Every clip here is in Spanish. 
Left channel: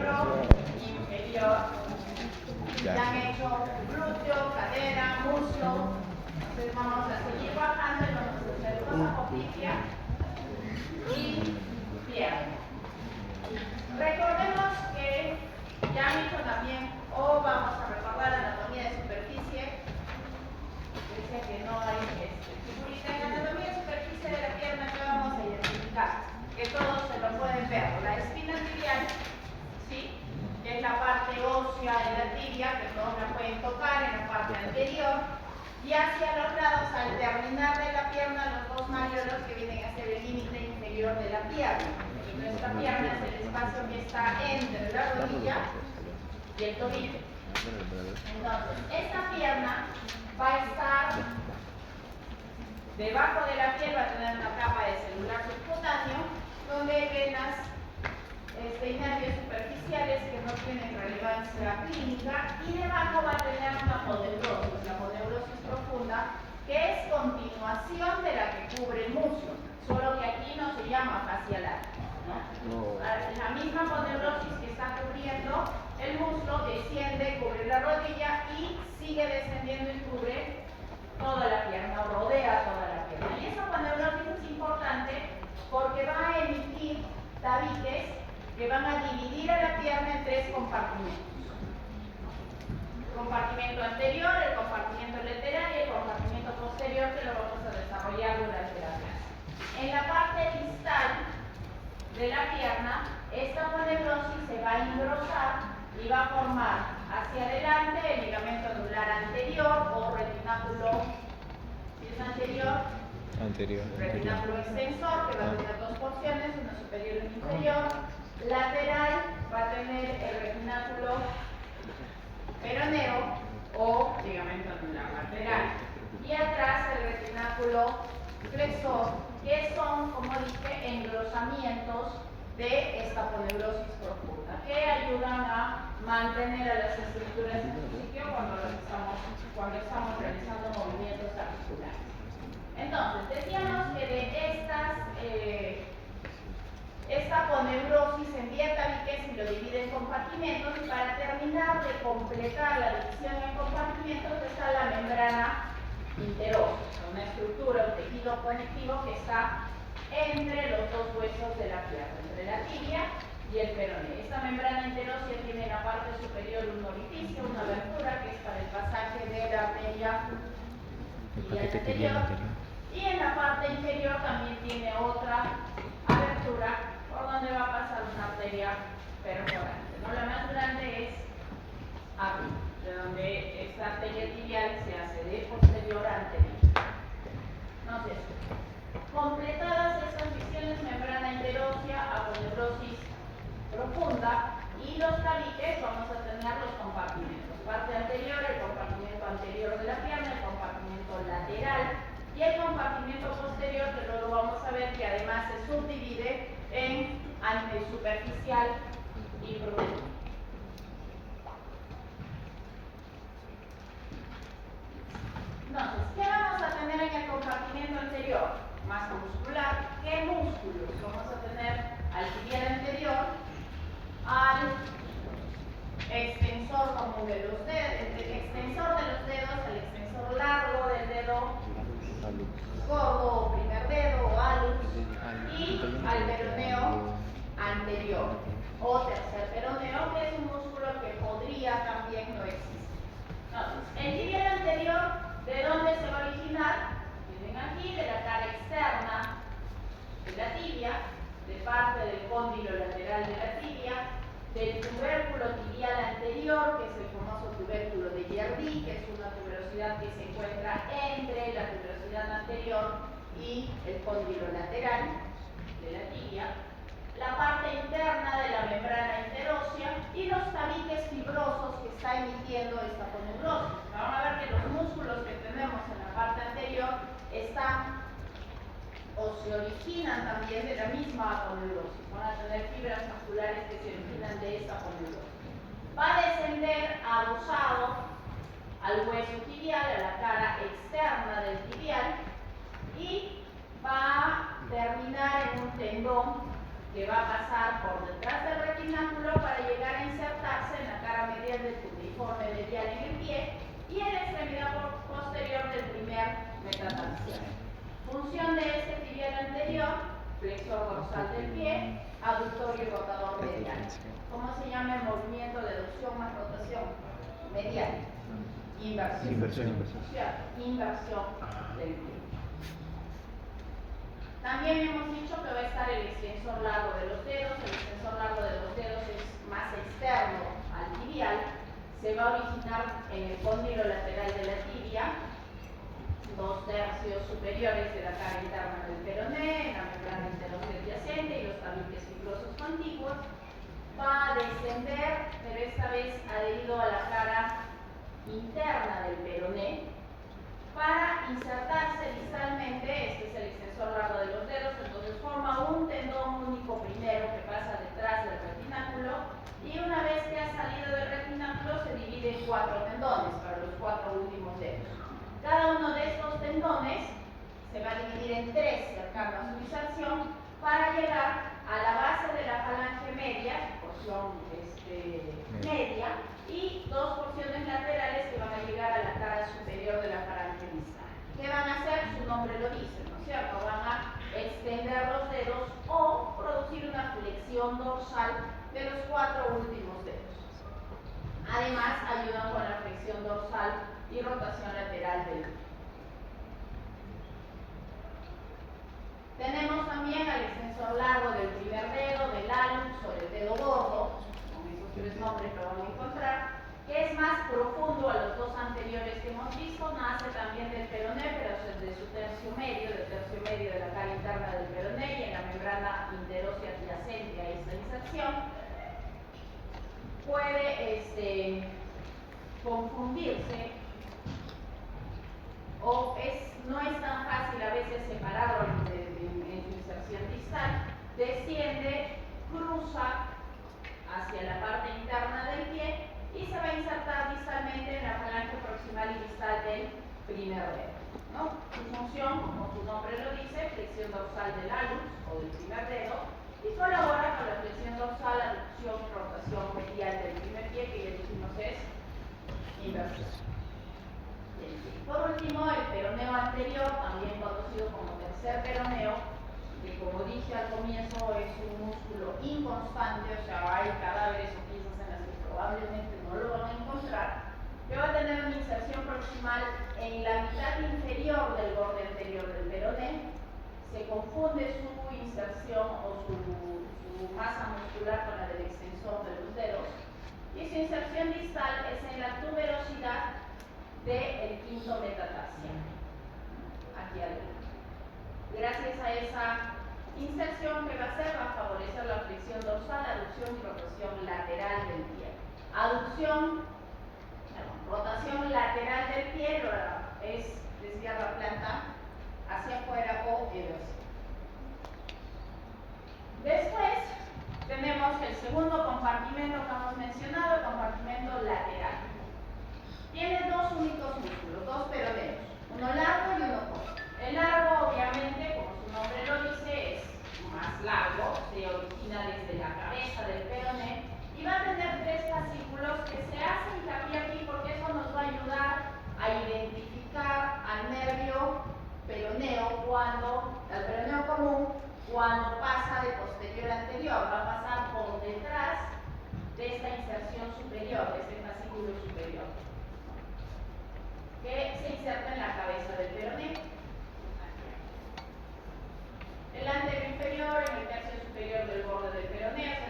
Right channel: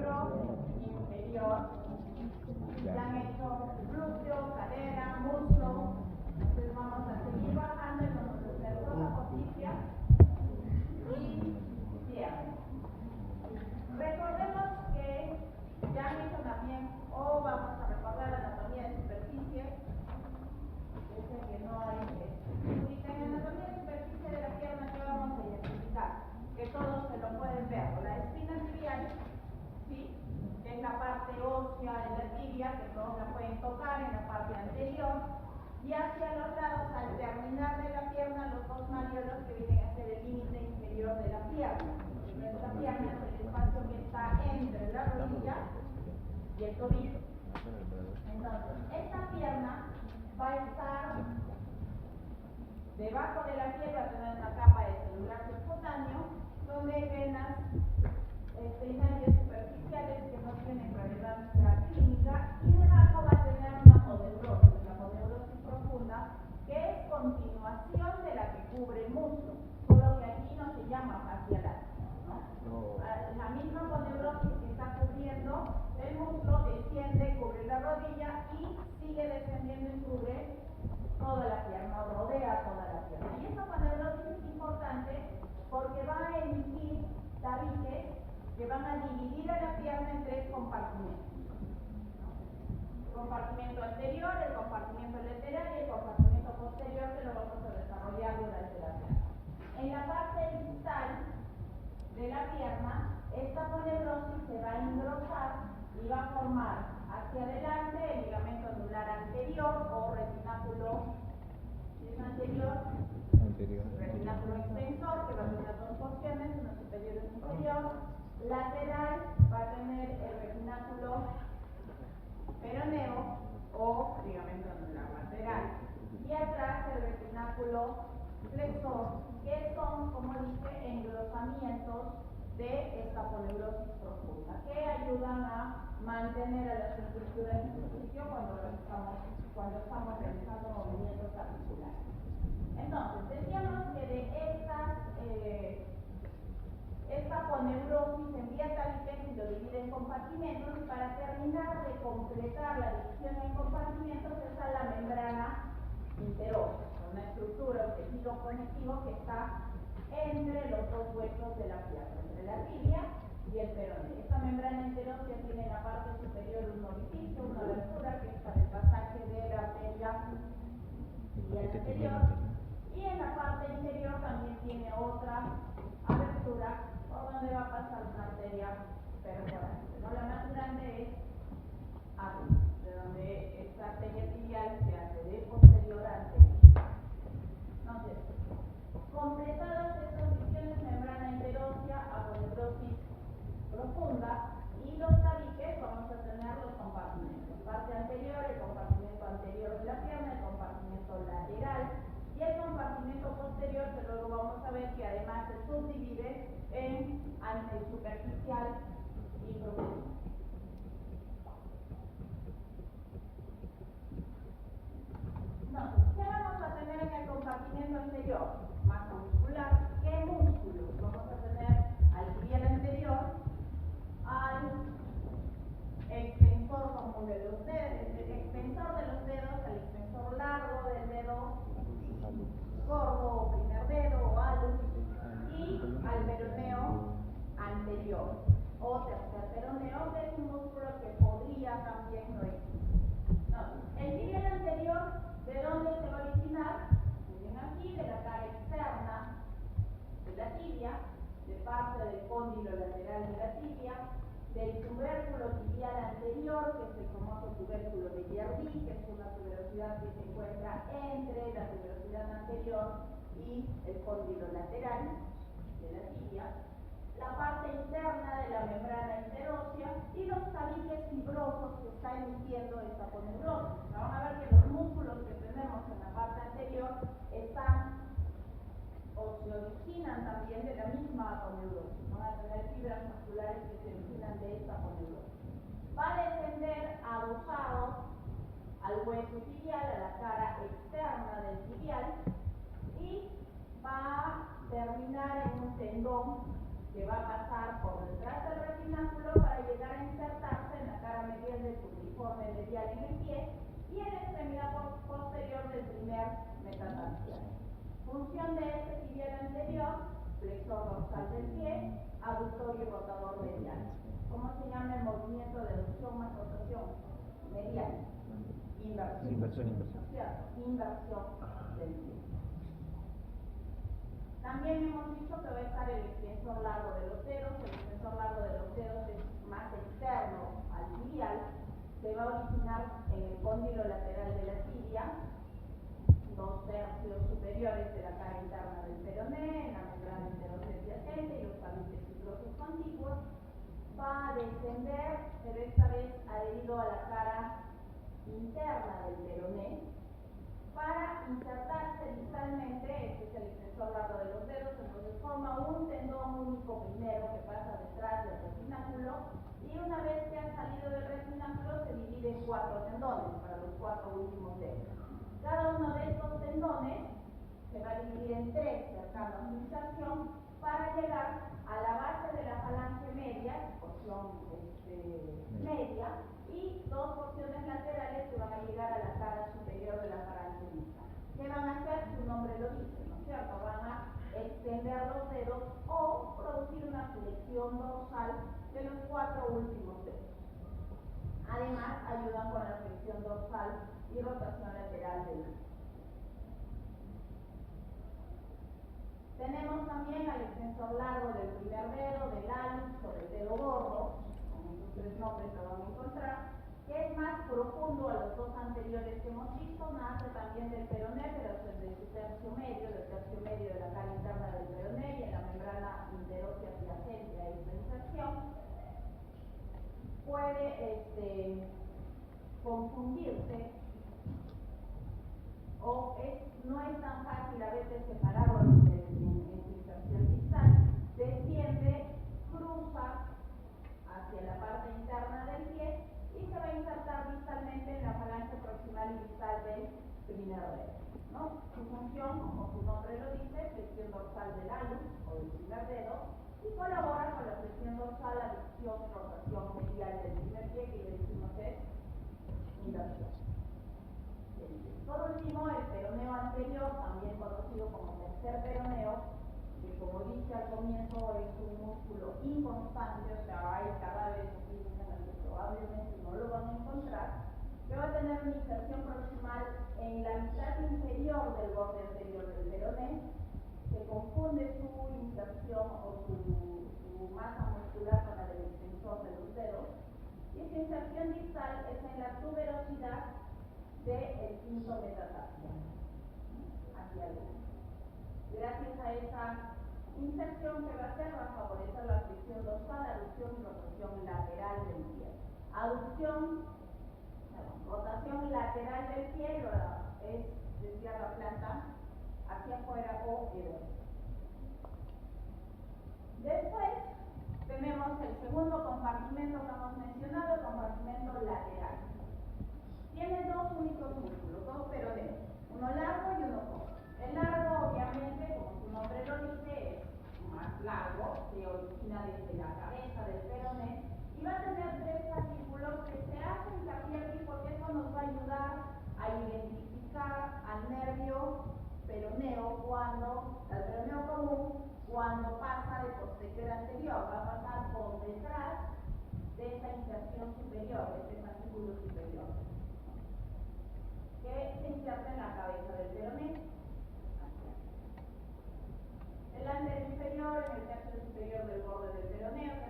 miembro inferior. Ya han hecho glúteo, cadera, muslo. Entonces vamos a seguir bajando y vamos a hacer cosa poplitea y pierna. Recordemos que ya han hecho también, o vamos a recordar anatomía de superficie. Decía que no hay ahorita en anatomía de superficie de la pierna que vamos a identificar, que todos se lo pueden ver. La espina tibial, ¿sí?, que es la parte ósea de la tibia, que todos la pueden tocar en la parte anterior, y hacia los lados, al terminar de la pierna, los dos malleolos que vienen a ser el límite inferior de la pierna. Nuestra pierna es el espacio que está entre la rodilla y el tobillo. Entonces, esta pierna va a estar debajo de la piel, va a tener una capa de celular subcutáneo, donde hay venas y nervios superficiales que no tienen relevancia clínica, y debajo va a tener una poneurosis, la poneurosis profunda, que es continuación de la que cubre el muslo, solo que aquí no se llama fascial, ¿no? La misma poneurosis que está cubriendo el muslo desciende, cubre la rodilla y sigue descendiendo y cubre toda la pierna, o rodea toda la pierna. Y esa poneurosis es importante porque va a emitir tabiques que van a dividir a la pierna en tres compartimentos. El compartimento anterior, el compartimento lateral y el compartimento posterior, que lo vamos a desarrollar durante la clase. En la parte distal de la pierna, esta poneurosis se va a engrosar y va a formar hacia adelante el ligamento anular anterior o retináculo, si es anterior, retináculo extensor, que va a tener dos porciones, una superior y una inferior. Lateral va a tener el retináculo peroneo o ligamento anular lateral. Y atrás el retináculo flexor, que son, como dije, engrosamientos de esta poneurosis profunda, que ayudan a mantener a las estructuras en su sitio cuando estamos realizando movimientos articulares. Entonces, decíamos que de esta poneurosis envía tabiques y lo divide en compartimentos, y para terminar de completar la división en compartimentos está la membrana interósea, una estructura, un tejido conectivo que está entre los dos huesos de la pierna, entre la tibia y el peroné. Esta membrana interósea tiene en la parte superior un orificio, una abertura, que es para el pasaje de la arteria tibial anterior, y en la parte inferior también tiene otra abertura por donde va a pasar una arteria perforante, ¿no? La más grande es arriba, de donde esta arteria tibial se hace de posterior a anterior. Entonces, completadas estas visiones, membrana interósea, aponeurosis profunda y los tabiques, vamos a tener los compartimentos. Parte anterior, el compartimento anterior de la pierna, el compartimento lateral y el compartimento posterior, que luego vamos a ver que además se subdivide en superficial y profundo. Entonces, ¿qué vamos a tener en el compartimento anterior? Masa muscular. ¿Qué músculos? Vamos a tener al tibial anterior, al extensor común de los dedos, el extensor de los dedos, el extensor largo del dedo gordo o primer dedo o hallux, y al peroneo anterior o tercer peroneo, que es un músculo que podría también no existir. Entonces, el tibial anterior, ¿de dónde se va a originar? Miren aquí, de la cara externa de la tibia, de parte del cóndilo lateral de la tibia, del tubérculo tibial anterior, que es el famoso tubérculo de Giardi, que es una tuberosidad que se encuentra entre la tuberosidad anterior y el cóndilo lateral de la tibia, la parte interna de la membrana interósea y los tabiques fibrosos que está emitiendo esta poneurosis. Van a ver que los músculos que tenemos en la parte anterior están o se originan también de la misma aponeurosis. Van a tener fibras musculares que se originan de esta aponeurosis. Va a descender adosado al hueso tibial, a la cara externa del tibial, y va a terminar en un tendón que va a pasar por detrás del retináculo para llegar dorsal del pie, aductor y rotador medial. ¿Cómo se llama el movimiento de aducción más rotación? Medial. Inversión. Inversión del pie. También hemos dicho que va a estar el extensor largo de los dedos. El extensor largo de los dedos es más externo al tibial. Se va a originar en el cóndilo lateral de la tibia, 2/3 superiores de la cara interna del peroné, en la membrana interósea adyacente y los tabiques fibrosos contiguos. Va a descender, pero esta vez adherido a la cara interna del peroné, para insertarse distalmente. Este es el extensor largo de los dedos, entonces forma un tendón único primero que pasa detrás del retináculo, y una vez que ha salido del retináculo se divide en 4 tendones para los 4 últimos dedos. Cada uno de estos tendones se va a dividir en 3 cercano a su inserción para llegar a la base de la falange media, porción media, y 2 porciones laterales que van a llegar a la cara superior de la falange distal. ¿Qué van a hacer? Su nombre lo dice, ¿no es cierto? Van a extender los dedos o producir una flexión dorsal de los 4 últimos dedos. Además, ayudan con la flexión dorsal y rotación lateral del pie. Tenemos también al extensor largo del primer dedo, del hallux o del dedo gordo, con esos 3 nombres lo van a encontrar, que es más profundo a los 2 anteriores que hemos visto. Nace también del peroné, pero es de su tercio medio, del tercio medio de la cara interna del peroné y en la membrana interósea adyacente a esta inserción. Puede confundirse o no es tan fácil a veces separarlo en su inserción distal. Desciende, cruza hacia la parte interna del pie y se va a insertar distalmente en la falange proximal y distal del primer dedo, ¿no? Su función, como su nombre lo dice, flexión dorsal del hallux o del primer dedo, y colabora con la flexión dorsal, aducción y rotación medial del primer pie, que ya dijimos es inversión. Por último, el peroneo anterior, también conocido como tercer peroneo, que como dije al comienzo es un músculo inconstante, o sea, hay cadáveres o piezas en las que probablemente no lo van a encontrar, que va a tener una inserción proximal en la mitad inferior del borde anterior del peroné. Se confunde su inserción o su masa muscular con la del extensor de los dedos, y su inserción distal es en la tuberosidad del quinto metatarsiano, aquí adelante. Gracias a esa inserción, que va a hacer? Va a favorecer la flexión dorsal, aducción y rotación lateral del pie. Rotación lateral del pie es desviar la planta hacia afuera o eversión. Después tenemos el segundo compartimento que hemos mencionado, el compartimento lateral. Tiene 2 únicos músculos, 2 peroneos, uno largo y uno corto. El largo, obviamente, como su nombre lo dice, es más largo, se origina desde la cabeza del peroné y va a tener 3 fascículos que se hacen hincapié aquí porque eso nos va a ayudar a identificar al nervio peroneo al peroneo común, cuando pasa de posterior a anterior. Va a pasar por detrás de esta inserción superior, de este fascículo superior, que se inserta en la cabeza del peroné. El anteroinferior en el tercio superior del borde del peroné,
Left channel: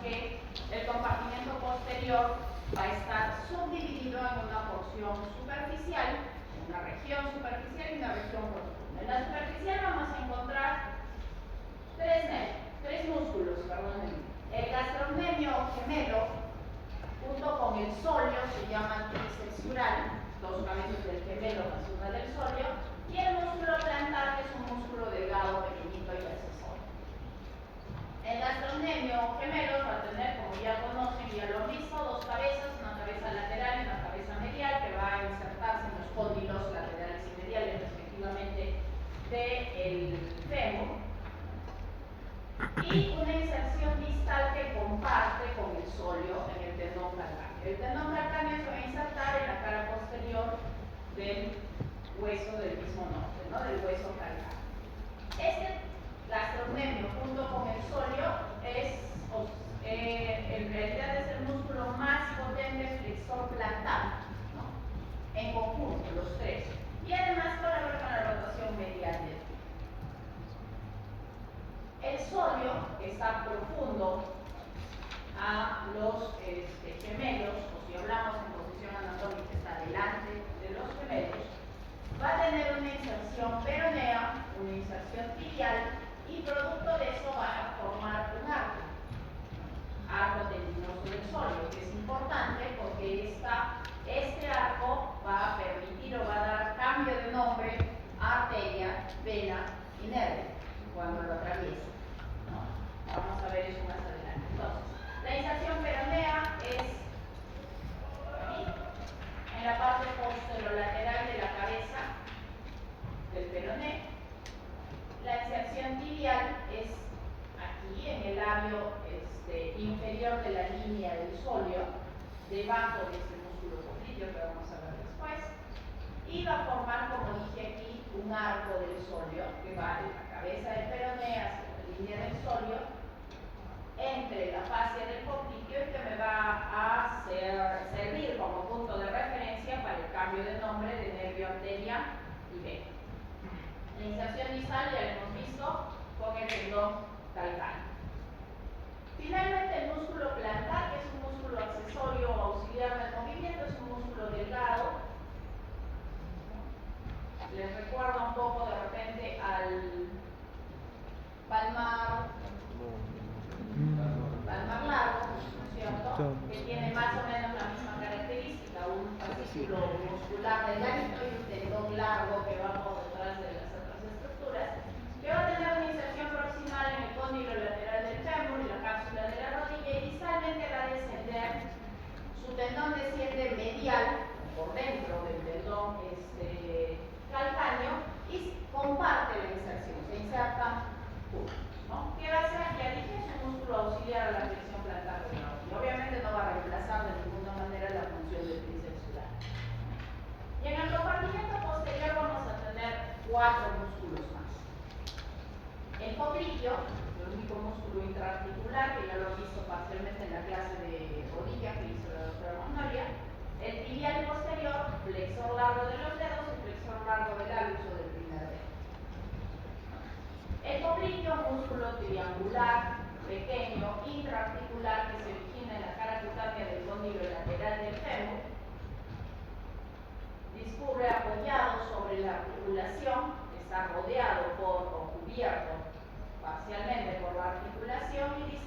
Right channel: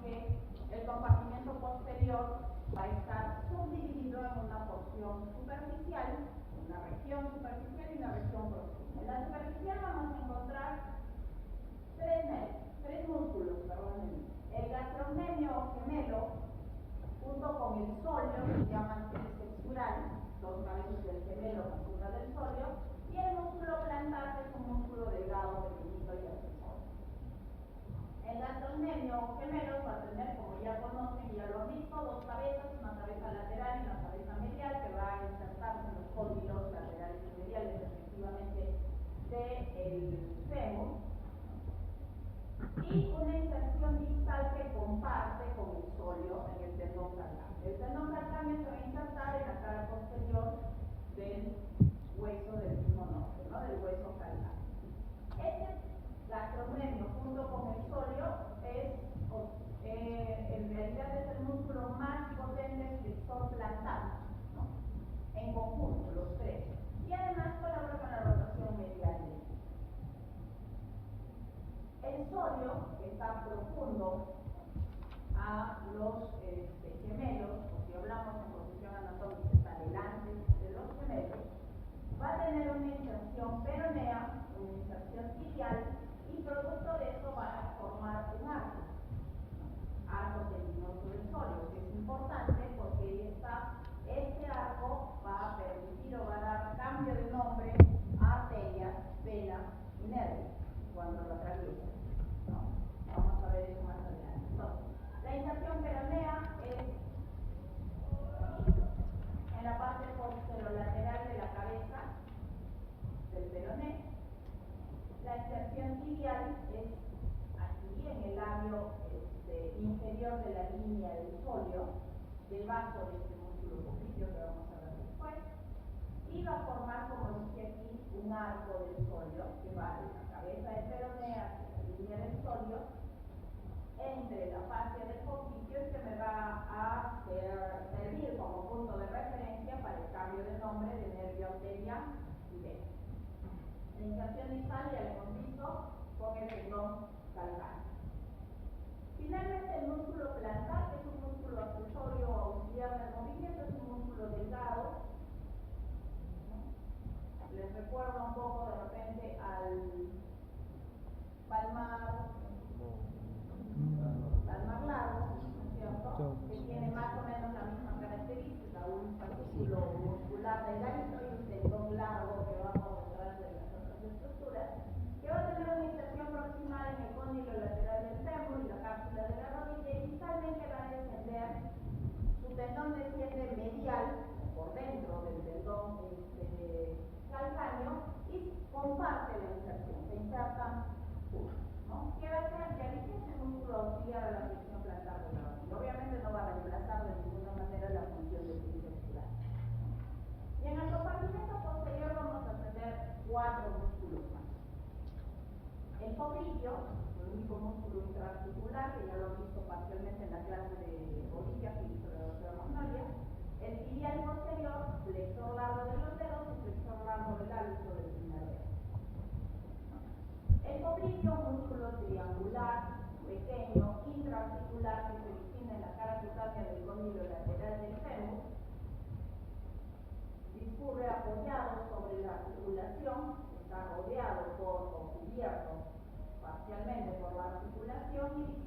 que el compartimiento posterior va a estar subdividido en una porción superficial, una región superficial y una región profunda. En la superficial vamos a encontrar tres músculos, perdónenme. El gastrocnemio gemelo, junto con el solio, se llama tríceps ural, dos cabezas del gemelo más una del solio, y el músculo plantar, que es un músculo delgado, pequeñito y accesorio. El gastrocnemio gemelo va a tener, como ya conocen, ya lo han visto, dos cabezas, una cabeza lateral y una cabeza medial, que va a insertarse en los cóndilos laterales y mediales, respectivamente, del fémur. Y una inserción distal que comparte con el solio en el tendón calcáneo. El tendón calcáneo se va a insertar en la cara posterior del hueso del mismo nombre, ¿no? Del hueso calcáneo. Este gastrocnemio junto con el solio en realidad es el músculo más potente flexor plantar, ¿no? En conjunto, los tres. Y además colabora con la rotación medial del pie. El solio, que está profundo a los gemelos, o si hablamos en posición anatómica, está delante de los gemelos, va a tener una inserción peronea, una inserción tibial, y producto de eso va a formar un arco tendinoso del solio, que es importante porque este arco va a permitir o va a dar cambio de nombre a arteria, vena y nervio cuando lo atraviesa, ¿no? Vamos a ver eso más adelante. Entonces, la inserción peronea es aquí, en la parte posterolateral de la cabeza del peroné. La inserción tibial es aquí, en el labio inferior de la línea del solio, debajo de este músculo popliteo que vamos a ver después, y va a formar, como dije aquí, un arco del solio que va de la cabeza del peroné hacia la línea del solio, entre la fascia del popliteo, y que me va a servir como punto de referencia para el cambio de nombre de nervio, arteria y vena. La inserción distal ya la hemos visto con el tendón calcáneo. Finalmente, el músculo plantar, que es un músculo accesorio auxiliar del movimiento, es un músculo delgado. Les recuerda un poco de repente al palmar largo, ¿no es cierto? Que tiene más o menos la misma característica, un fascículo muscular delgadito y un tendón largo que va por detrás de las otras estructuras, que va a tener una inserción proximal en el cóndilo lateral del fémur y la cápsula de la rodilla, y distalmente va a descender, su tendón desciende medial, por dentro del tendón calcáneo, y comparte la inserción, se insertan juntos, ¿no? ¿Qué va a hacer? Ya dije, es un músculo auxiliar a la flexión plantar de la rodilla. Obviamente no va a reemplazar de ninguna manera la función del tríceps ural. Y en el compartimiento posterior vamos a tener 4 músculos más. El popliteo, el único músculo intraarticular, que ya lo he visto parcialmente en la clase de rodilla que hizo la doctora Magnolia. El tibial posterior, flexor largo de los dedos y flexor largo del hálus o del primer dedo. El popliteo, músculo triangular, pequeño, intraarticular, que se origina en la cara cutánea del cóndilo lateral del fémur. Discurre apoyado sobre la articulación, está rodeado por o cubierto parcialmente por la articulación, y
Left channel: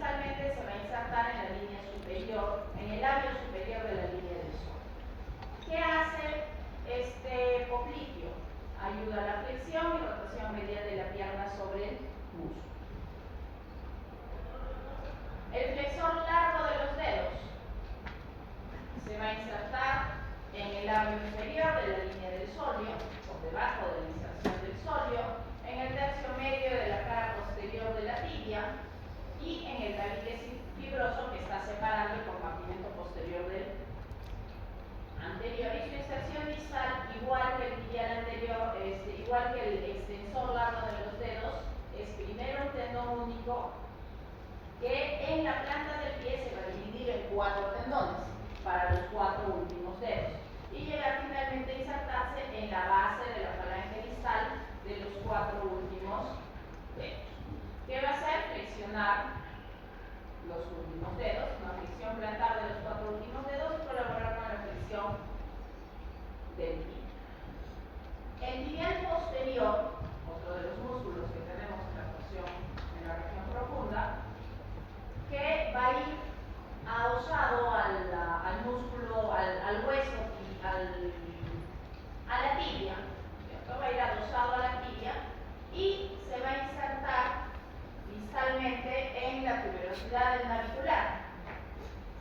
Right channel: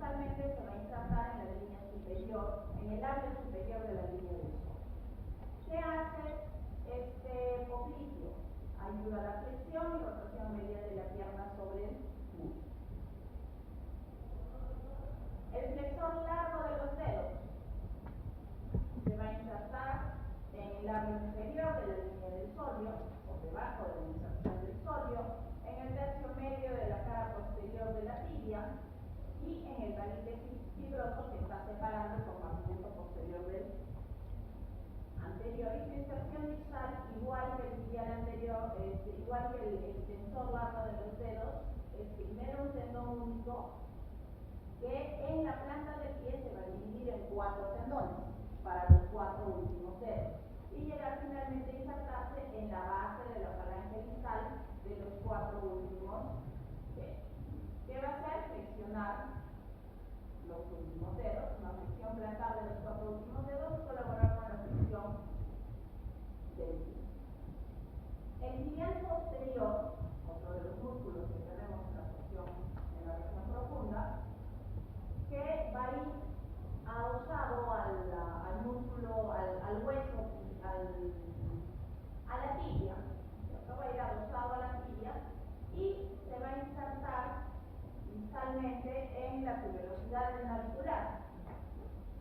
del navicular.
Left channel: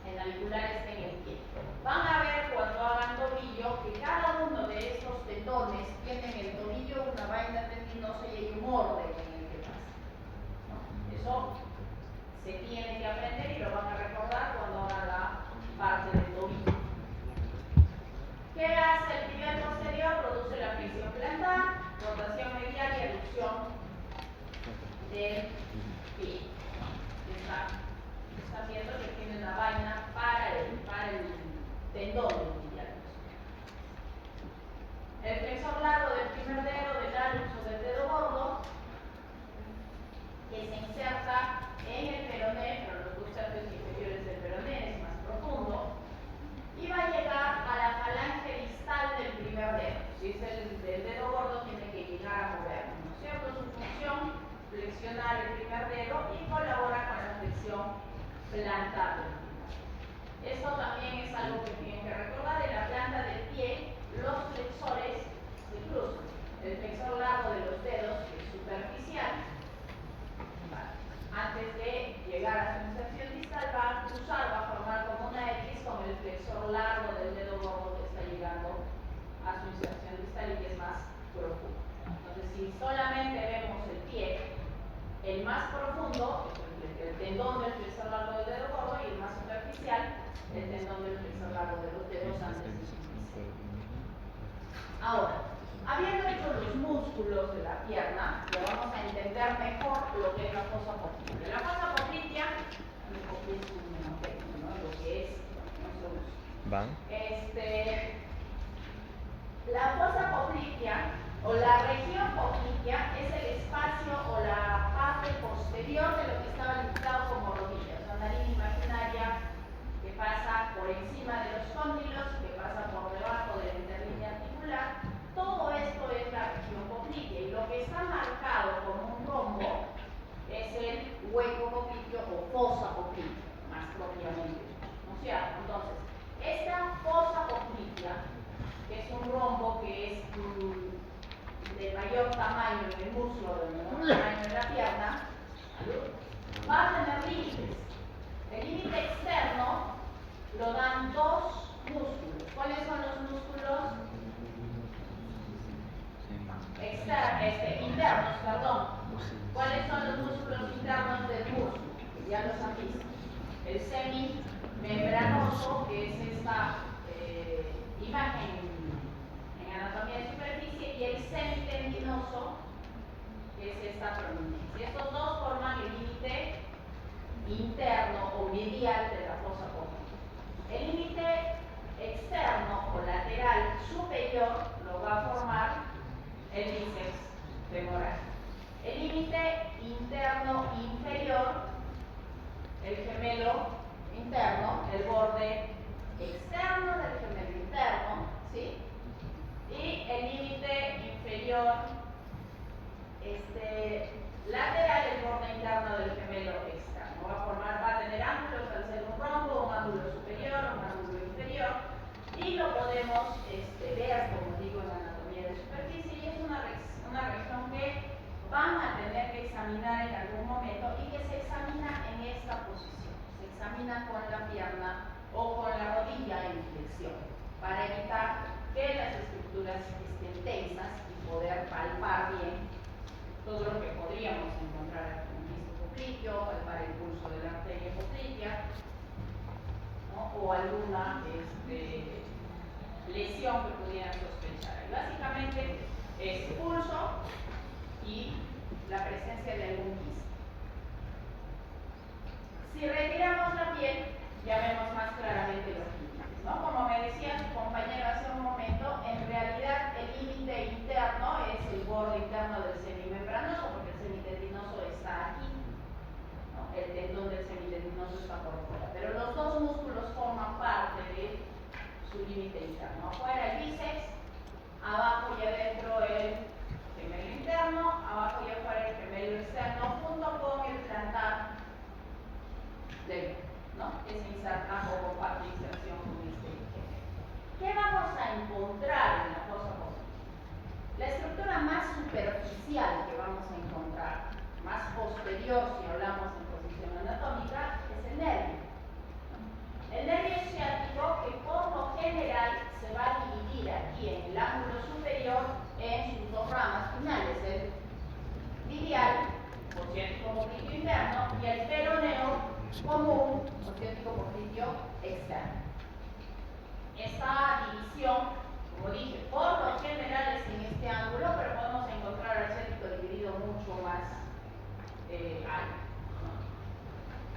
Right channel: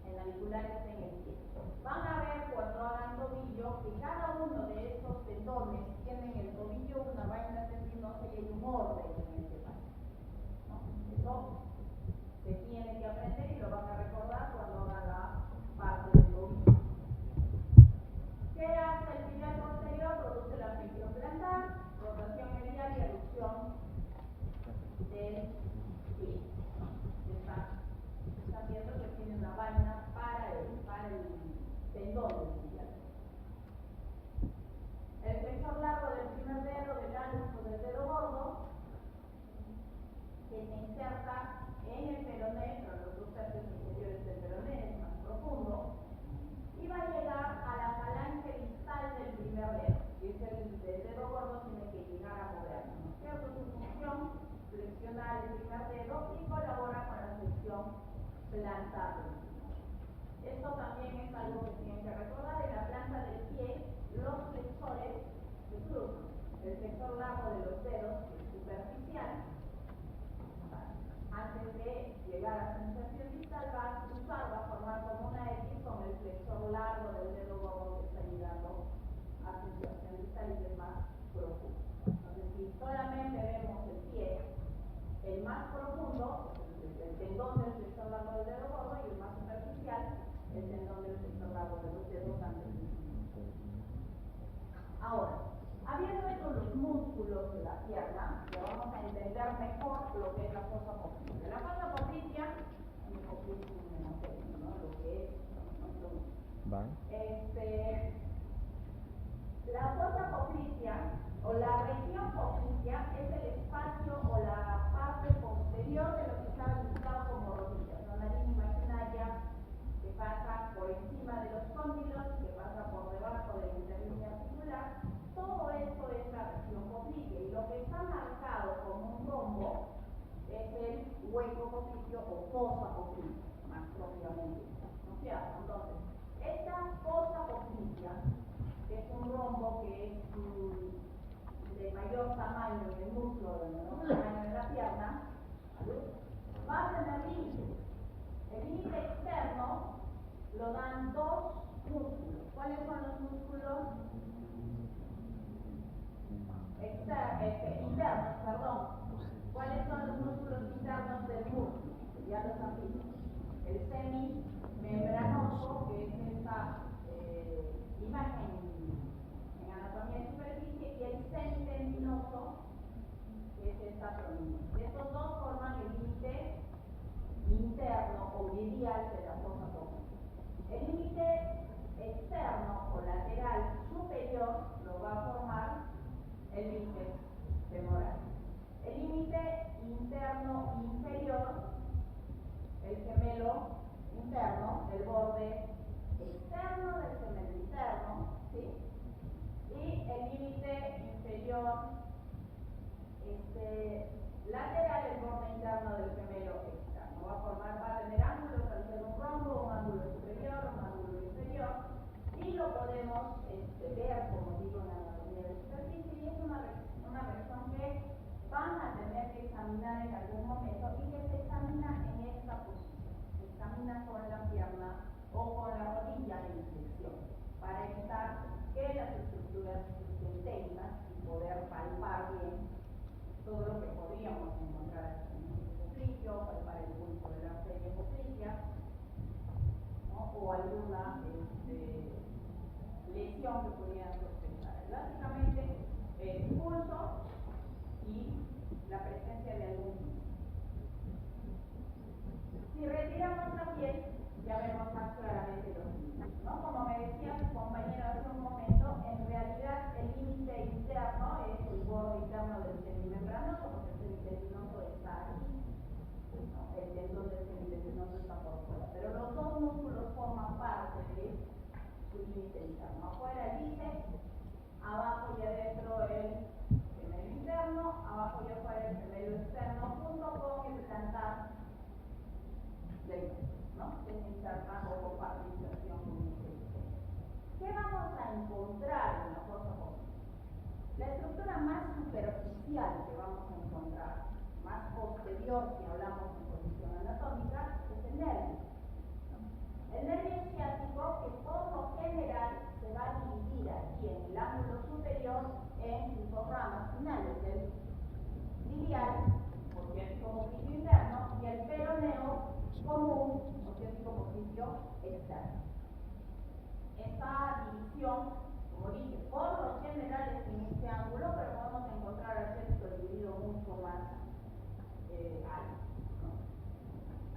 El navicular está en el pie. Van a ver cuando hagan tobillo que cada uno de estos tendones tiene en el tobillo una vaina tendinosa y hay un orden en el que pasa, ¿no? Eso se tiene que aprender y lo van a recordar cuando hagan la parte del tobillo. ¿Qué hace el tibia posterior? Produce la flexión plantar, rotación medial y aducción del pie. Están viendo que tiene una vaina para el tendón del tibial. El flexor largo del primer dedo, del hallux o del dedo gordo, que se inserta en el peroné, pero los dos tercios inferiores del peroné es más profundo, y va a llegar a la falange distal del primer dedo. Si es el del dedo gordo, tiene que llegar a moverlo, ¿no es cierto? Su función, flexionar el primer dedo y colabora con la flexión plantar del primer dedo. Esto también es algo que tienen que recordar. En la planta del pie, los flexores se cruzan. El flexor largo de los dedos, que es superficial, antes de llegar a su inserción distal, va a cruzar, va a formar como una X con el flexor largo del dedo gordo que está llegando a su inserción distal y que es más profundo. Entonces, si solamente vemos el pie, el más profundo, el tendón del flexor largo del dedo gordo, y el más superficial, el tendón del flexor largo de los dedos antes de su inserción. Ahora, habiendo hecho los músculos de la pierna, ya vamos a entender mejor lo que es la fosa poplitea. La fosa poplitea, lo que es, no se usa. ¿Van? La fosa poplitea o la región poplitea es el espacio o la parte posterior de lo que estaba limitado como rodillas, una línea imaginaria que pasa por encima de los cóndilos, que pasa por debajo de la interlínea articular. Todo esto es la región poplitea y lo que está marcado como un rombo es el hueco popliteo o fosa poplitea, más propiamente, ¿no es cierto? Entonces, esta fosa poplitea, que es un rombo que es de mayor tamaño en el músculo, de menor tamaño en la pierna, va a tener límites. El límite externo lo dan dos músculos. ¿Cuáles son los músculos? Internos, perdón. ¿Cuáles son los músculos internos del músculo? Ya los han visto. El semimembranoso, que es esta imagen en anatomía de superficie, y el semitendinoso, que es esta prominencia. Estos dos forman el límite interno o medial de la fosa poplitea. El límite externo o lateral superior lo va a formar el bíceps femoral. El límite interno inferior, el gemelo interno, el borde externo del gemelo interno, ¿sí? Y el límite inferior lateral, el borde interno del gemelo externo. Va a tener ángulos al ser un rombo, un ángulo superior, un ángulo inferior, y lo podemos ver, como digo, en anatomía de superficie, y es una región que van a tener que examinar en algún momento y que se examina en esta posición. Se examina con la pierna o con la rodilla en flexión para evitar que las estructuras estén tensas y poder palpar bien todo lo que podríamos encontrar en el disco popliteo, palpar el pulso de la arteria poplitea, ¿no? O alguna lesión que pudieran sospechar. Y básicamente es pulso y la presencia de algún quiste. Si retiramos la piel, ya vemos más claramente los límites, ¿no? Como me decía su compañero hace un momento, en realidad el límite interno es el borde interno del semimembranoso, porque el semitendinoso está aquí, ¿no? El tendón del semitendinoso está por fuera, pero los dos músculos forman parte de su límite interno. Afuera el bíceps, abajo y adentro el gemelo interno, abajo y afuera el gemelo externo, junto con el plantar del, ¿no? Que se inserta o comparte inserción con este gemelo. ¿Qué vamos a encontrar en la fosa poplitea? La estructura más superficial que vamos a encontrar, más posterior si hablamos en posición anatómica, es el osteótico popliteo externo. Esta división, como dije, por lo general es en este ángulo, pero podemos encontrar al cético dividido mucho más alto.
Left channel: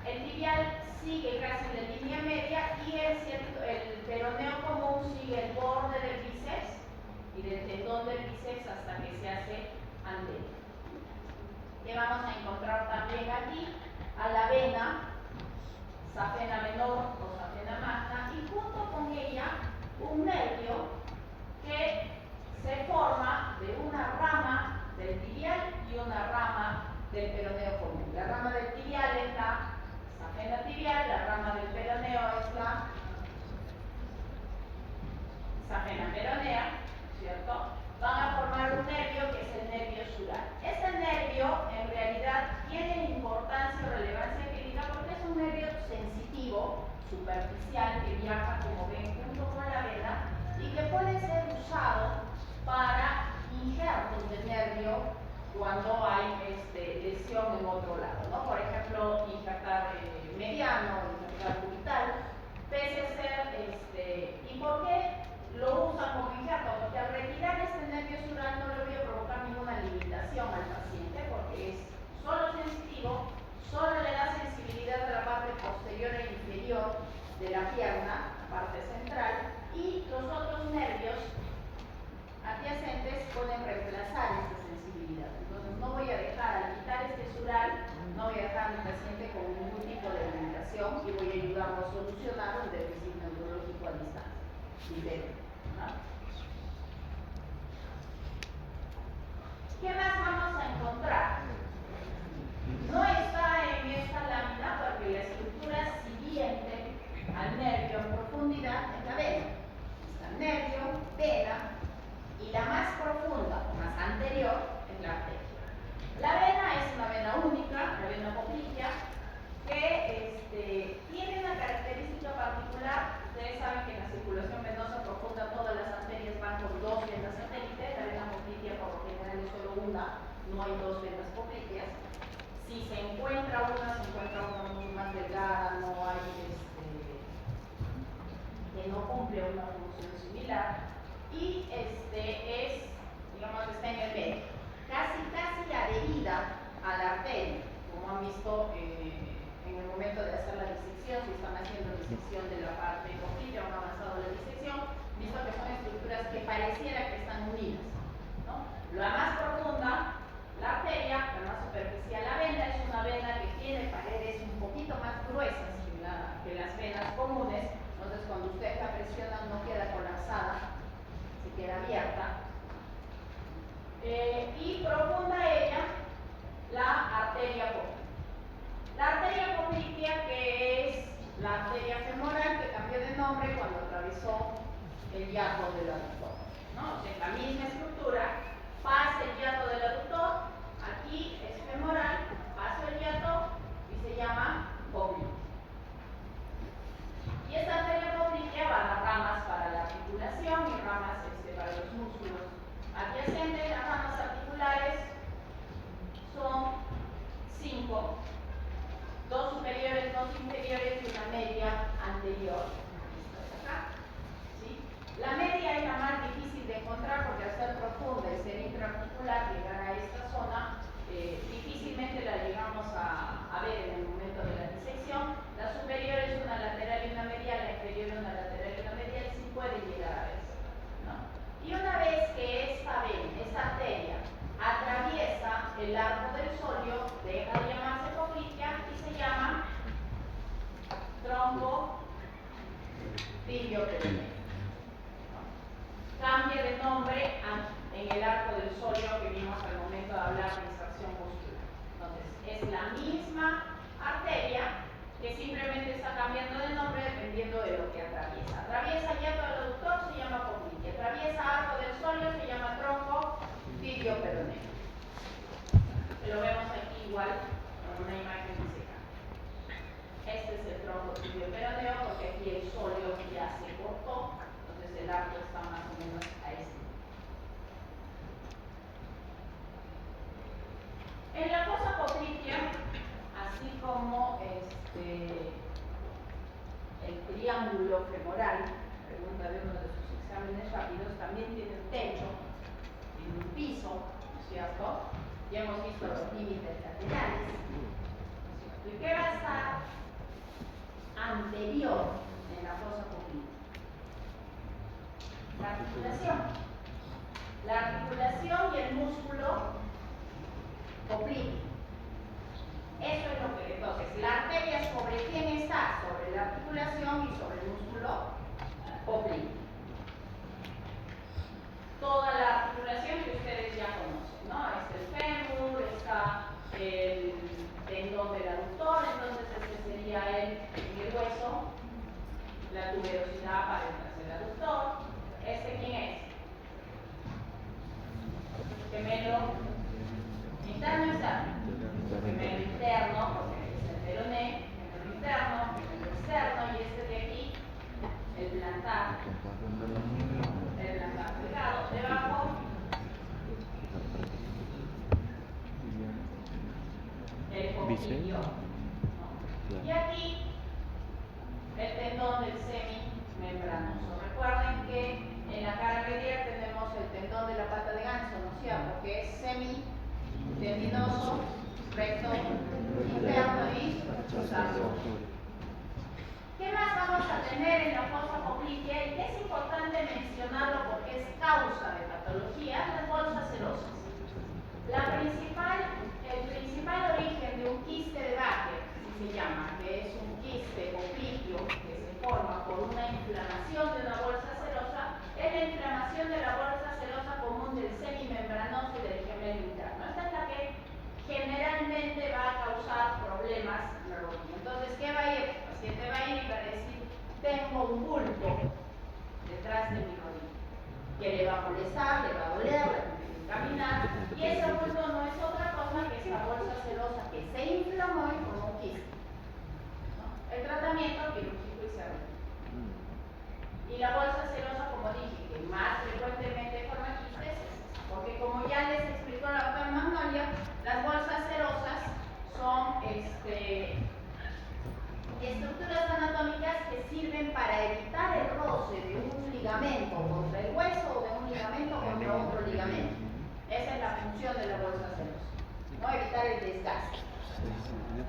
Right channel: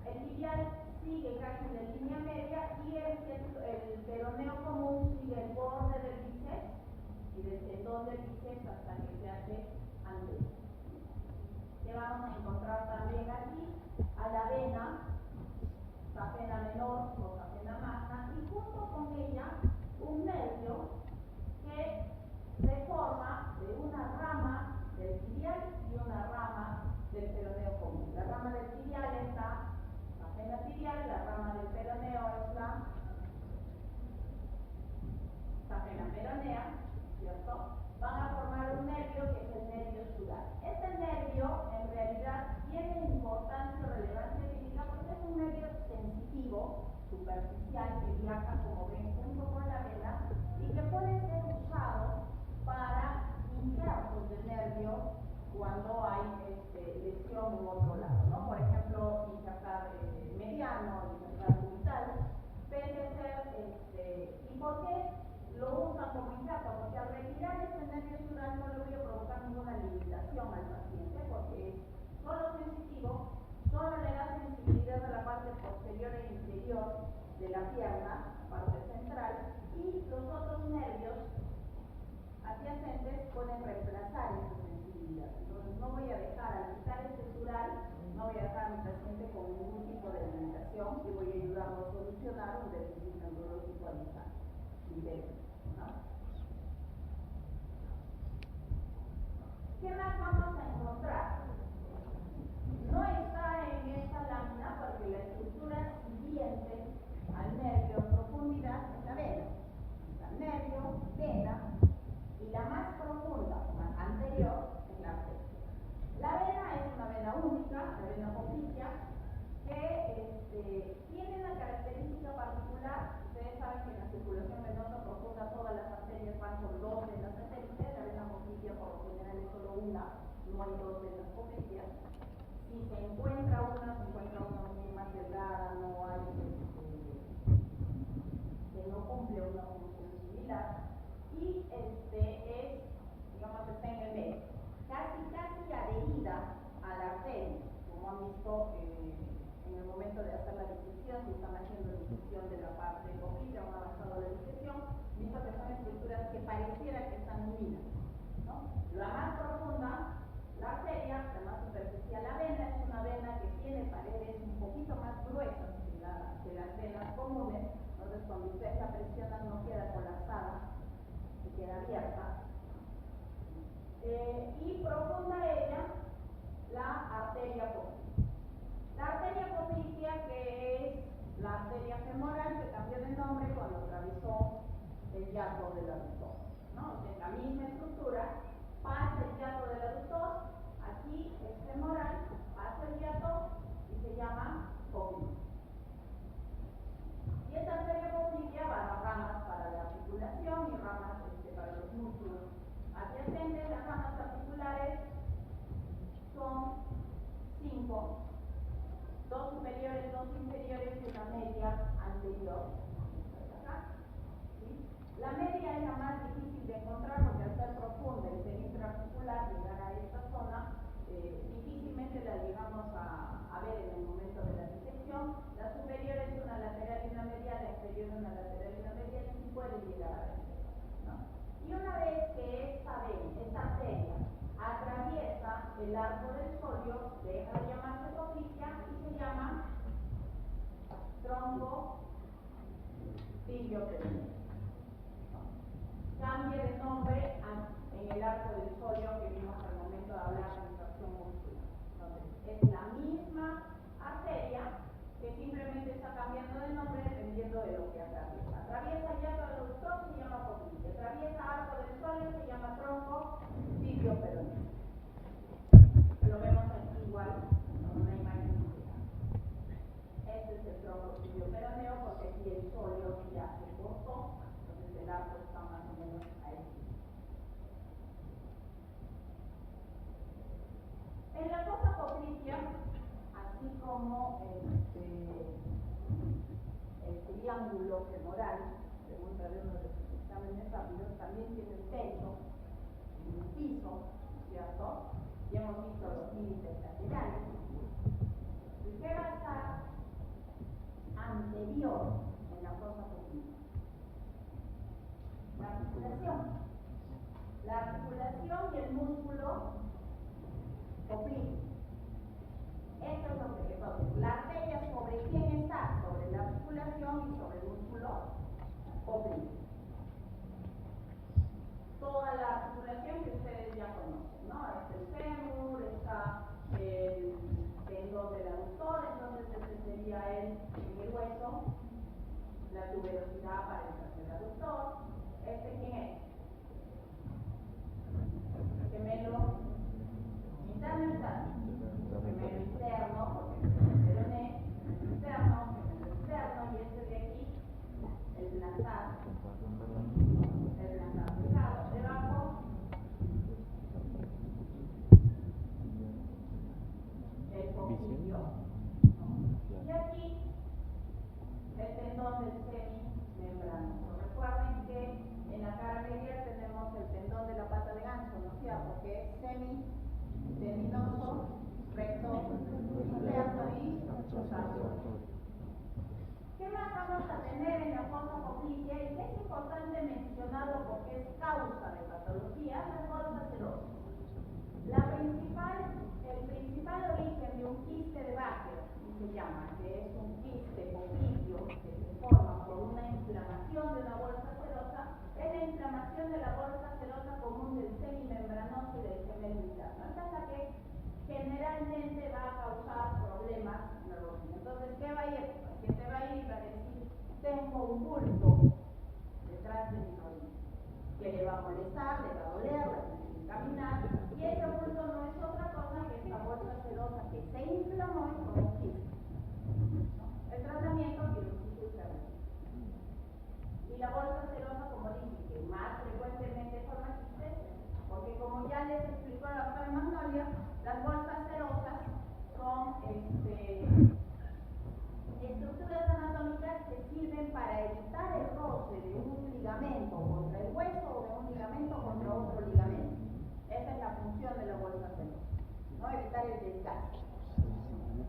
El tibial sigue casi en la línea media y el peroneo común sigue el borde del bíceps y del tendón del bíceps hasta que se hace anterior. Y vamos a encontrar también aquí a la vena safena menor o safena magna y junto con ella un nervio que se forma de una rama del tibial y una rama del peroneo común. La rama del tibial es la safena tibial, la rama del peroneo es la safena peronea, ¿cierto? Van a formar un nervio que es el nervio sural. Este nervio en realidad tiene importancia o relevancia clínica porque es un nervio sensitivo, superficial, que viaja, como ven, junto con la vena y que puede ser usado para injertos de nervio cuando hay lesión en otro lado, ¿no? Por ejemplo, injertar mediano, injertar cubital, pese a ser, ¿y por qué lo usan como injerto? Porque al retirar este nervio sural no le voy a provocar ninguna limitación al paciente porque es solo sensitivo, solo le da sensibilidad a la parte posterior e inferior de la pierna, parte central, y los otros nervios adyacentes pueden reemplazar esta sensibilidad. Entonces no voy a dejar, al quitar este sural, no voy a dejar a mi paciente con ningún tipo de limitación y voy a ayudarlo a solucionar un déficit neurológico a distancia. ¿No? ¿Qué más vamos a encontrar? No está en esta lámina porque la estructura siguiente al nervio en profundidad es la vena. Está nervio, vena y la más profunda, más anterior, es la arteria. La vena es una vena única, la vena poplitea, que tiene una característica particular. Ustedes saben que en la circulación venosa profunda todas las arterias van con dos venas satélites. La vena poplitea por lo general es solo una, no hay dos venas popliteas. Si se encuentra una mucho más delgada, no hay que no cumple una función similar y digamos que está en el medio, casi adherida a la arteria, como han visto en el momento de hacer la disección. Si están haciendo disección de la parte poplitea o han avanzado la disección, visto que son estructuras que pareciera que están unidas, ¿no? La más profunda, la arteria, la más superficial, la vena, es una vena que tiene paredes un poquito más gruesas que las venas comunes. Entonces cuando ustedes la presionan no queda colapsada, se queda abierta. Y profunda ella, la arteria poplitea. La arteria poplitea, que es la arteria femoral, que cambió de nombre cuando atravesó el hiato del aductor, ¿no? O sea, la misma estructura, pasa el hiato del aductor, aquí es femoral, pasa el hiato y se llama poplitea. Y esta arteria poplitea va a dar ramas para la articulación y ramas para los músculos adyacentes. Las ramas articulares son 5, 2 superiores, 2 inferiores y una media anterior. Acá, ¿sí? La media es la más difícil de encontrar porque al ser profunda y ser intraarticular, llegar a esta zona, difícilmente la llegamos a ver en el momento de la disección. La superior es una lateral y una medial, la inferior una lateral y una medial, sí puede llegar a verse, ¿no? Y una vez que esta arteria atraviesa el arco del sóleo, deja de llamarse poplitea y se llama tronco tibio-peroneo. Cambia de nombre en el arco del sóleo que vimos al momento de hablar de extracción muscular. Entonces, es la misma arteria que simplemente está cambiando de nombre dependiendo de lo que atraviesa. Atraviesa hiato del aductor, se llama poplitea. Atraviesa arco del sóleo, se llama tronco tibio-peroneo. Lo vemos aquí igual con una imagen disecada. Este es el tronco tibio-peroneo porque aquí el sóleo ya se cortó, entonces el arco está más o menos a este nivel. En la fosa poplitea, así como triángulo femoral, pregunta de uno de sus exámenes rápidos, también tiene un techo, tiene un piso, ¿no es cierto? Ya hemos visto los límites laterales, ¿no es cierto? ¿Y qué va a estar anterior en la fosa poplítea? La articulación. La articulación y el músculo poplíteo. Eso es lo que, entonces, la arteria sobre quién está, sobre la articulación y sobre el músculo poplíteo. Toda la articulación que ustedes ya conocen, ¿no? Está el fémur, está el tendón del aductor, entonces este sería el hueso, la tuberosidad para el tercer aductor. ¿Este quién es? Gemelo interno y externo. Gemelo interno, porque es el peroné, gemelo interno, gemelo externo, y este de aquí, el plantar delgado. Debajo, el coclillo, ¿no? Y aquí, el tendón del semimembranoso. Recuerden que en la cara medial tenemos el tendón de la pata de ganso, ¿no es cierto? Que es semitendinoso, recto, interno y cruzado. ¿Qué más vamos a tener en la fosa poplitea? Y que es importante mencionarlo porque es causa de patología, las bolsas serosas. El principal origen de un quiste de Baker, así se llama, que es un quiste popliteo que se forma por una inflamación de una bolsa serosa, es la inflamación de la bolsa serosa común del semimembranoso y del gemelo interno. Esta es la que generalmente va a causar problemas en la rodilla. Entonces, ¿qué va a ir? El paciente va a ir y va a decir, tengo un bulto detrás de mi rodilla, que le va a molestar, le va a doler, va a tener que caminar, y ese bulto no es otra cosa que esta bolsa serosa que se inflamó y formó un quiste, ¿no? El tratamiento quirúrgico y cirúrgico. Y la bolsa serosa, como dije, que más frecuentemente forma quistes, porque como ya les explicó la doctora Magnolia, las bolsas serosas son estructuras anatómicas que sirven para evitar el roce de un ligamento contra el hueso o de un ligamento contra otro ligamento. Esa es la función de la bolsa serosa, ¿no? Evitar el desgaste.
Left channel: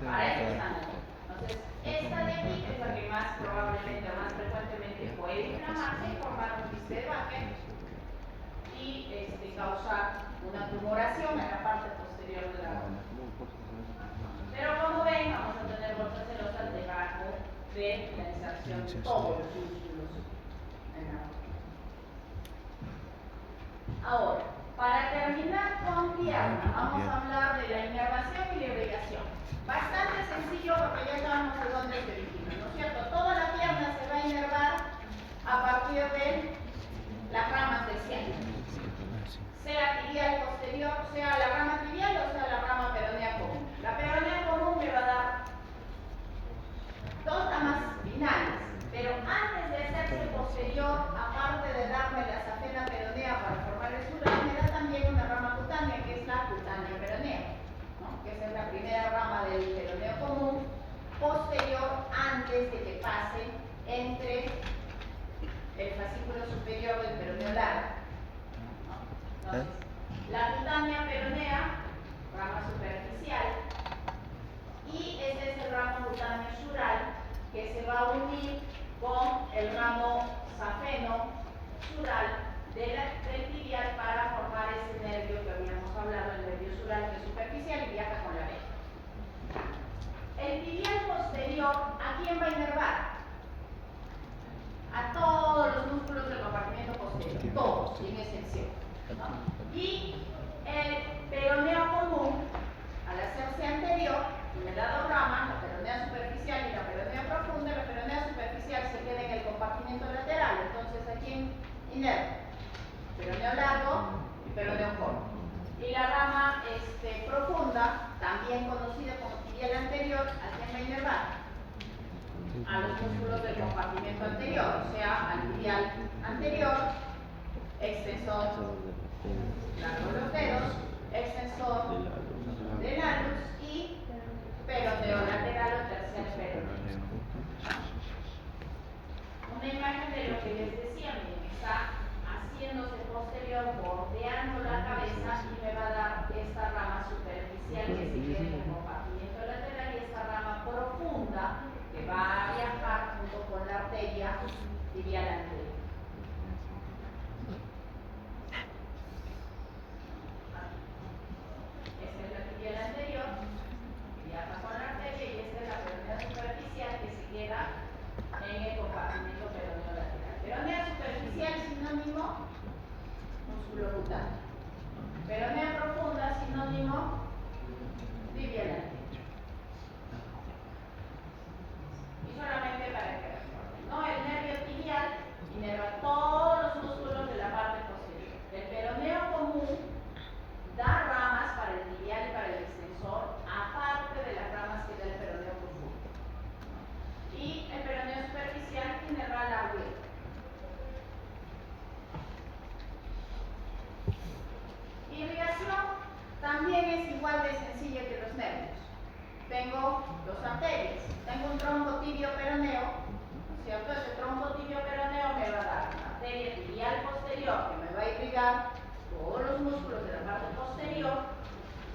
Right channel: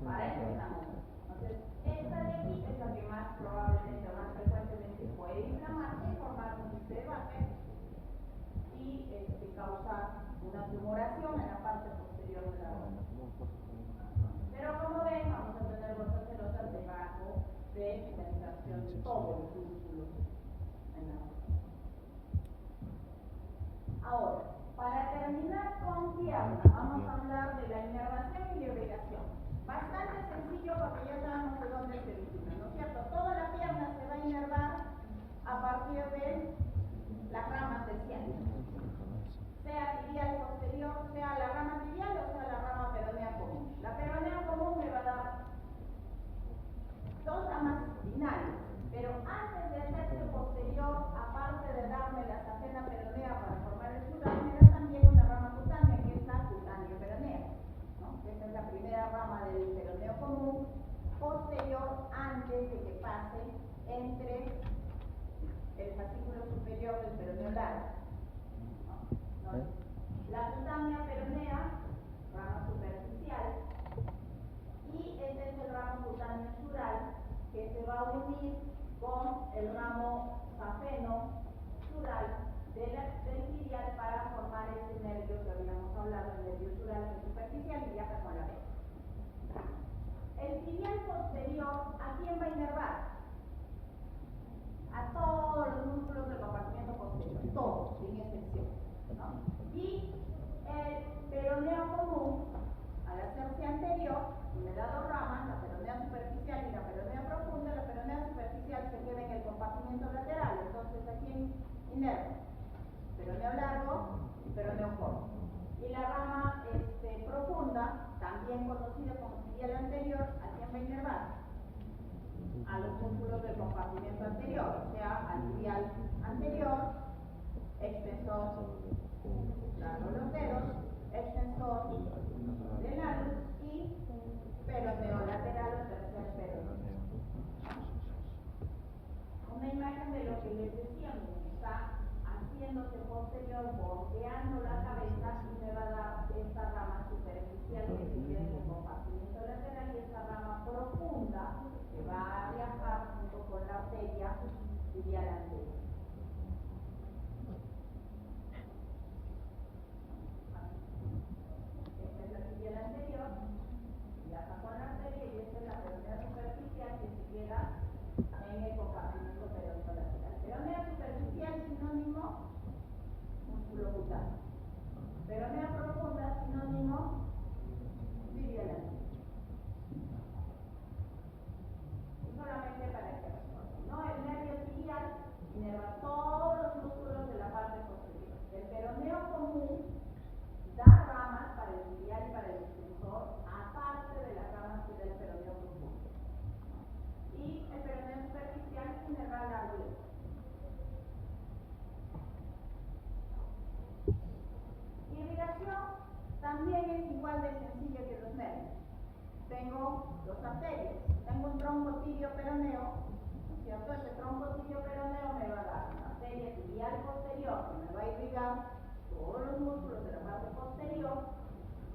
Para eso están aquí. Entonces, esta de aquí es la que más probablemente, más frecuentemente puede inflamarse y formar un quiste de Baker y causar una tumoración en la parte posterior de la rodilla. Pero como ven, vamos a tener bolsas serosas debajo de la inserción de todos los músculos en la rodilla. Ahora, para terminar con pierna, vamos a hablar de la inervación y la irrigación. Bastante sencillo porque ya sabemos de dónde se origina, ¿no es cierto? Toda la pierna se va a inervar a partir de las ramas del ciático, sea tibial posterior, sea la rama tibial o sea la rama peronea común. La peronea común me va a dar dos ramas finales, pero antes de hacerse posterior, aparte de darme la safena peronea para formar el sural, me da también una rama cutánea, que es la cutánea peronea, ¿no? Que esa es la primera rama del peroneo común, posterior antes de que pase entre el fascículo superior del peroneo largo, ¿no? Entonces, la cutánea peronea, rama superficial, y este es el ramo cutáneo sural que se va a unir con el ramo safeno sural del tibial para formar ese nervio que habíamos hablado, el nervio sural que es superficial y viaja con la vena. El tibial posterior, ¿a quién va a inervar? A todos los músculos del compartimento posterior, todos, sin excepción, ¿no? Y el peroneo común, al hacerse anterior, me da dos ramas, la peronea superficial y la peronea profunda. La peronea superficial se queda en el compartimento lateral, entonces ¿a quién inerva? Peroneo largo y peroneo corto. Y la rama profunda, también conocida como tibial anterior, ¿a quién va a inervar? A los músculos del compartimento anterior, o sea, al tibial anterior, extensor, largo de los dedos, extensor del hallux y peroneo lateral o tercer peroneo. que les decía, miren, está haciéndose posterior, bordeando la cabeza y me va a dar esta rama superficial que se queda en el compartimiento lateral y esta rama profunda que va a viajar junto con la arteria tibial anterior. Esta es la tibial anterior, viaja con la arteria y esta es la peronea superficial que se queda en el compartimiento peroneo lateral. Peronea superficial sinónimo músculo cutáneo. Peronea profunda sinónimo tibial anterior. Y solamente para que recuerden, ¿no? El nervio tibial inerva todos los músculos de la parte posterior. El peroneo común da ramas para el tibial y para el extensor, aparte de las ramas que da el peroneo profundo. Y el peroneo superficial inerva la hueca. Irrigación también es igual de sencilla que los nervios. Tengo dos arterias, tengo un trombo tibio peroneo, ¿no es cierto? Ese trombo tibio peroneo me va a dar una arteria tibial posterior que me va a irrigar todos los músculos de la parte posterior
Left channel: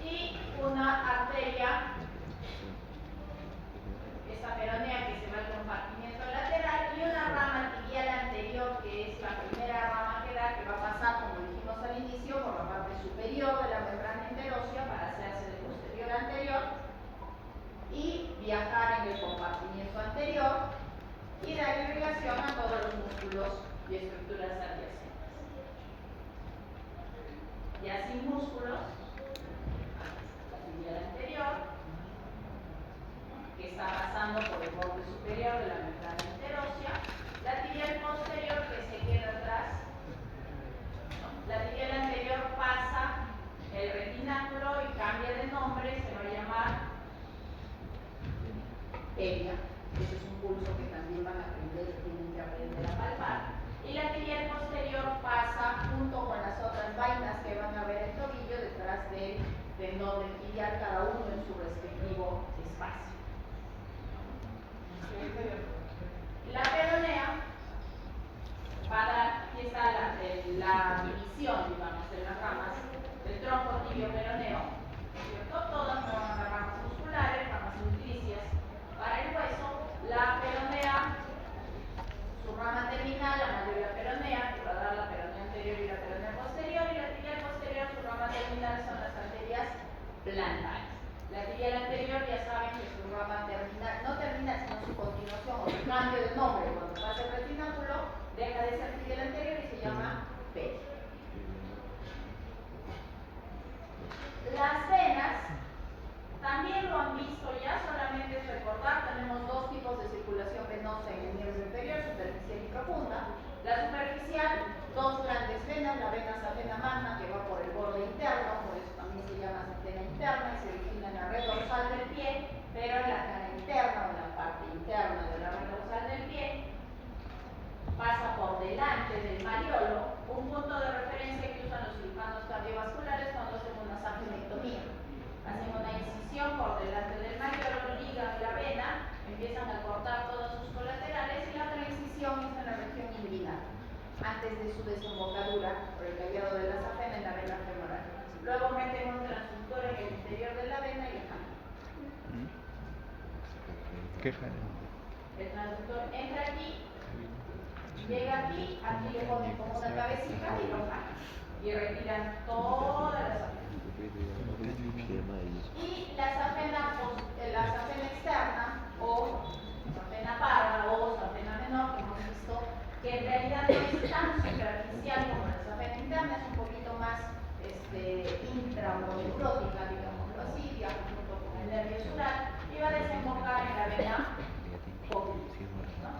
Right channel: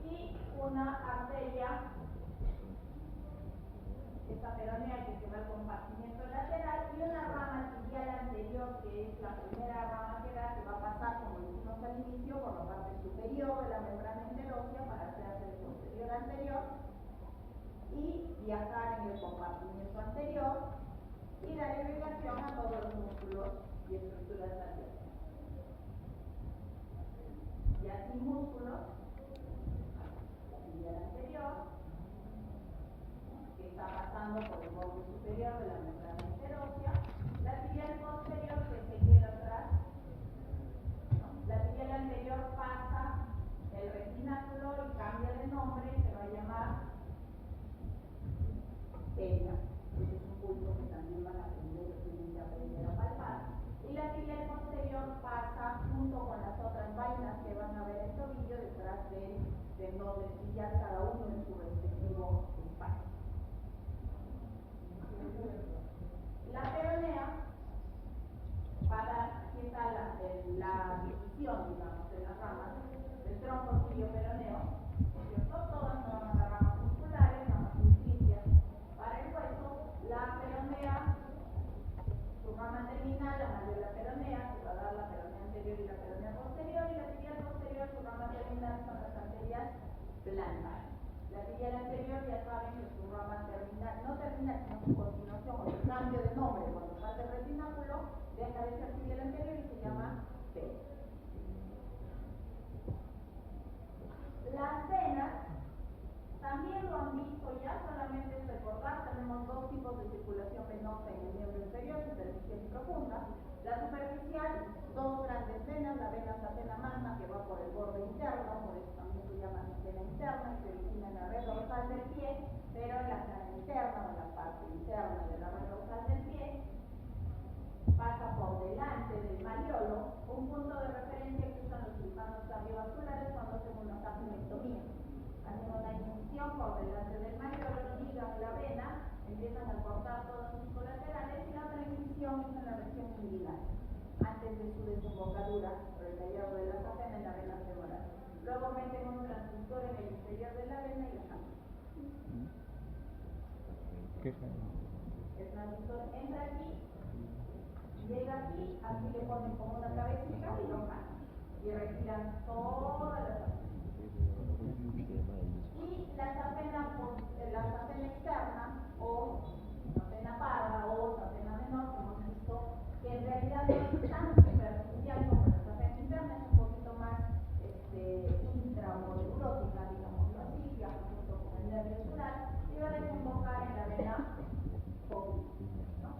y una arteria, esta peronea que se va al compartimiento lateral y una rama tibial anterior que es la primera rama que da, que va a pasar, como dijimos al inicio, por la parte superior de la membrana interósea para hacerse de posterior anterior y viajar en el compartimiento anterior y dar irrigación a todos los músculos y estructuras adyacentes. Ya sin músculos, la tibial anterior, que está pasando por el borde superior de la membrana interósea, la tibial posterior que se queda atrás, la tibial anterior pasa el retináculo y cambia de nombre, se va a llamar peria. Ese es un pulso que también van a aprender, tienen que aprender a palpar. Y la tibial posterior pasa junto con las otras vainas que van a ver el tobillo detrás del tendón del tibial, cada uno en su respectivo espacio. La peronea va a dar, aquí está la división, digamos, de las ramas del tronco tibio peroneo, ¿cierto? Todas me van a dar ramas musculares, ramas nutricias. Para el hueso, la peronea, su rama terminal, la mayoría peronea, que va a dar la peronea anterior y la peronea posterior, y la tibial posterior, su rama terminal son las arterias plantares. La tibial anterior ya saben que su rama terminal, no terminal, sino su continuación o su cambio de nombre, cuando pasa el retináculo, deja de ser tibial anterior y se llama peria. Las venas también lo han visto ya, solamente es recordar, tenemos dos tipos de circulación venosa en el nervio inferior, superficial y profunda. La superficial, dos grandes venas, la vena safena magna que va por el borde interno, por eso también se llama safena interna y se origina en la red dorsal del pie, pero en la cara interna o en la parte interna de la red dorsal del pie, pasa por delante del mariolo, un punto de referencia que usan los cirujanos cardiovasculares cuando hacen una safenectomía. Hacen una incisión por delante del mariolo, ligan la vena, empiezan a cortar todos sus colaterales y la otra incisión es en la región inguinal, antes de su desembocadura por el callado de la safena en la vena femoral. Luego meten un transductor en el interior de la vena y la cambian. ¿Qué jale? El transductor entra aquí, llega aquí, aquí le ponen como una cabecita y lo jalan. Y retiran toda la safena. Y la safena externa o safena parda o safena menor que hemos visto que en realidad no es tan superficial como la safena interna, es un poquito más intramoneurótica, digámoslo así, viaja junto con el nervio sural y va a desembocar en la vena poplítea, ¿no?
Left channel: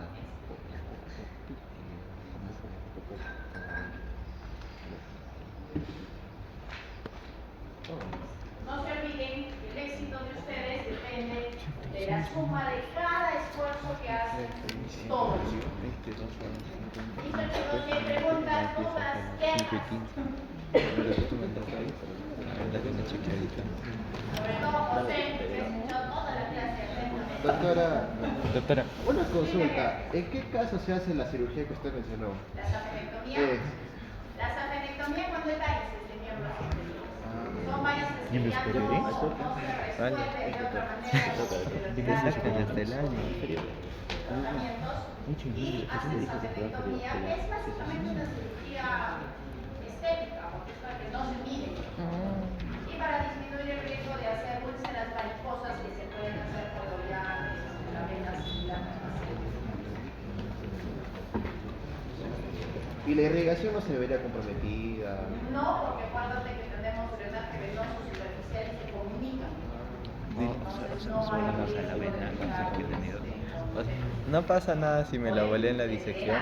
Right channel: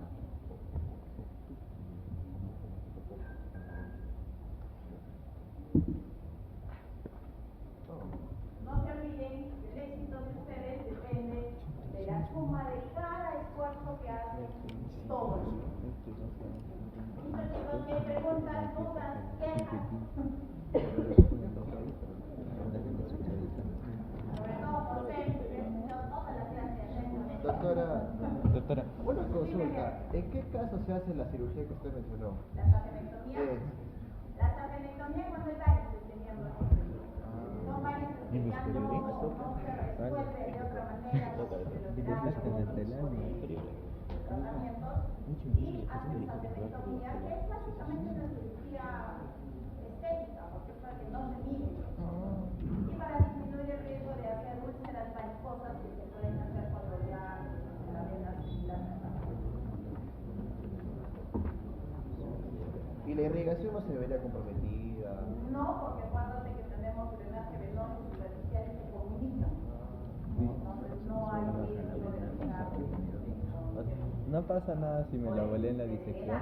No se olviden que el éxito de ustedes depende de la suma de cada esfuerzo que hacen todos. Listo, chicos, si hay preguntas, dudas, quejas. Sobre todo José, que escuchó toda la clase atentamente. Doctora, Doctora, una consulta. ¿En qué caso se hace la cirugía que usted mencionó? La safenectomía. La safenectomía cuando hay varices de miembros inferiores. Son varices que ya no se resuelven de otra manera ¿de qué sacan hasta el año? tratamientos y hacen safenectomía, que es básicamente una cirugía estética, porque es para que no se mire. Y para disminuir el riesgo de hacer úlceras mariposas que se pueden hacer por oleares, en la vena similar a ¿Y la irrigación no se vería comprometida? no, porque acuérdate que tenemos drenaje venoso superficial y se comunican. Subamos a la vena, no sé qué he tenido. O sea, no pasa nada si me la volé en la disección,